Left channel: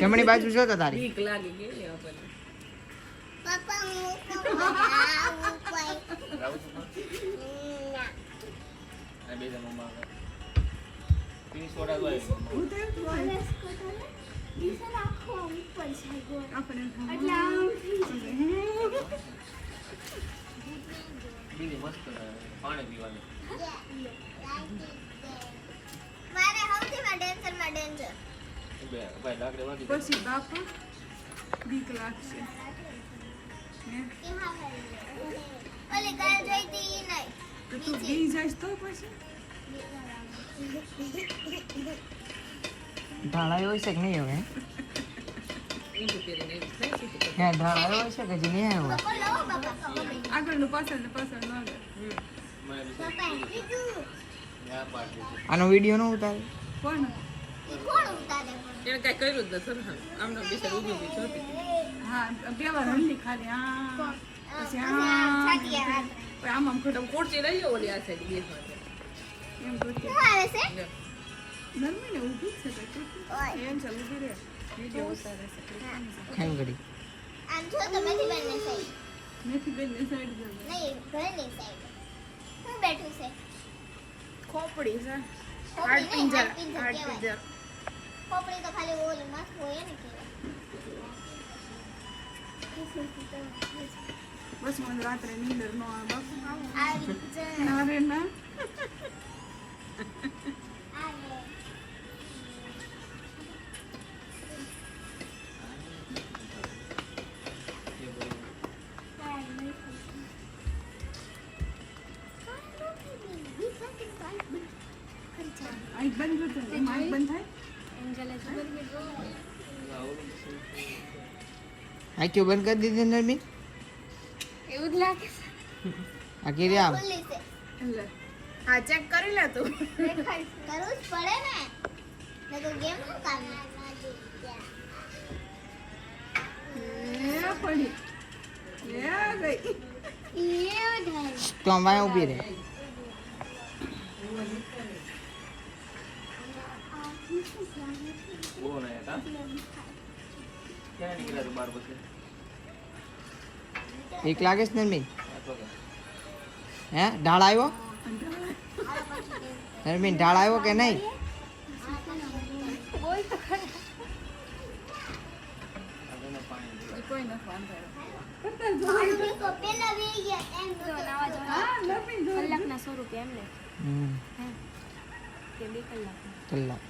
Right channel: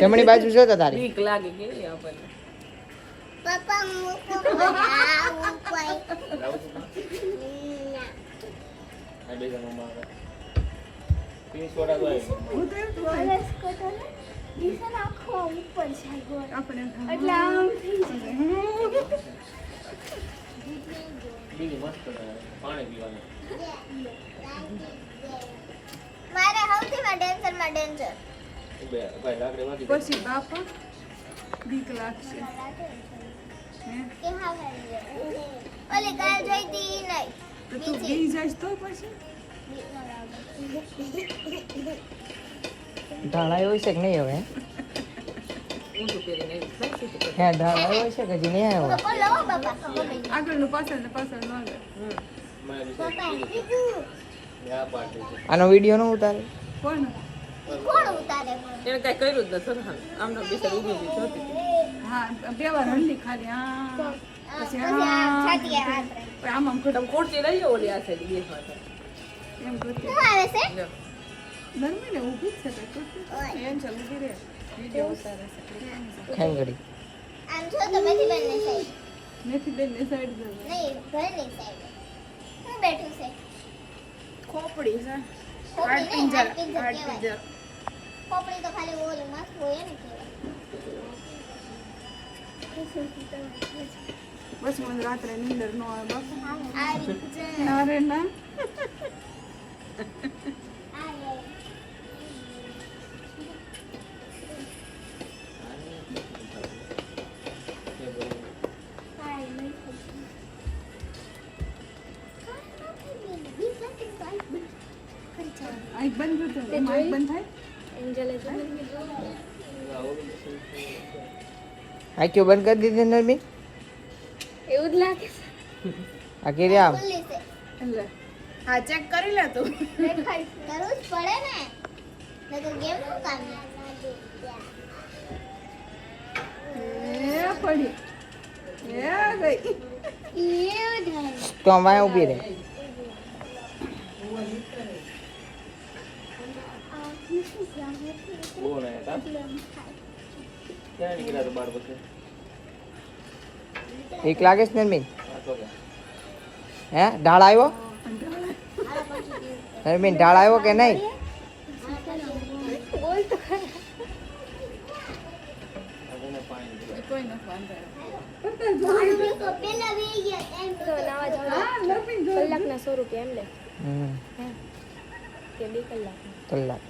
જમણી બાજુ જો તો તારી બીક લાગે કે આપણને પપ્પા મારે સૌથી ડેન્જર પછી બાપા બીક લાગશે ઓલી કાલ જોઈતી નહીં તો તું બી જઈશ તો પછી ઢાળા એવું છે કે નહીં હવે ઊંધું પહેરીને એવું થાય છે કે હા ઢાળા એવું છે કે હજી નહીં આવ્યો બોલો બાપા આગળનું પાછળ ન આવે પપ્પા બીજું આનો વિડીયો ન ઉતારે કોણ કોણ ઉતારે એને કઈ કર્યું જ નથી ને આમનો બિચાર ઊભી ઊભી જોતી હતી. હા બે વાર હંડી ખાલી હા પછી છાતીએ હાથ આમ આમ તમે ખુરશી લઈ જાઓ ઓલી આ સાઈડ બેસ માટે એમ કરતી શું આવે છે લ્યો. નરમી ને ઊભી જ છે કઈ એમ છે ઊભી રહે વિડીયો ઉતારે છે હેંગડી આમ જો તો મેથી બેન ને સાઈડ મેથી બેન ને સાઈડ જવું નહીં ઘરની સાઈડ હું બેઠું છે ખોપડી છે ખોપડી હાડ નહીં, પિંજર હાડ પિંજર હાડ કહેવાય. પિંજર ખોપડી તો ખાલી ઓલું મસ્ત હોય ને કહેવાય બસ મને રાત્રે નીંદર ન આવે બાપા આવી અરે ના આંખ બંધ કરતો એમ આંખ બંધ થાય આંખો બંધ કરી દીધી નરમી એવું જ લાગે આ કેરી આવ ખુલ્લી છે એટલે હા ચેક કરી લે તું કરવું જ પડે ને નહીં તો ગેમ નું કામ એ પડી એ ગઈ એવું થાય તો અમારે ઊભી રહે એક લાગે છે નરમી હે ઢાળ આવ્યો નરમી ઢાળ આવ્યો કે નહીં કોઈ ન વાંધો પેલા વી ગયા એમ તો હા લપી જો કલાકના 100 રૂપિયા એમ લે હમ કે 2 કલાક કલાક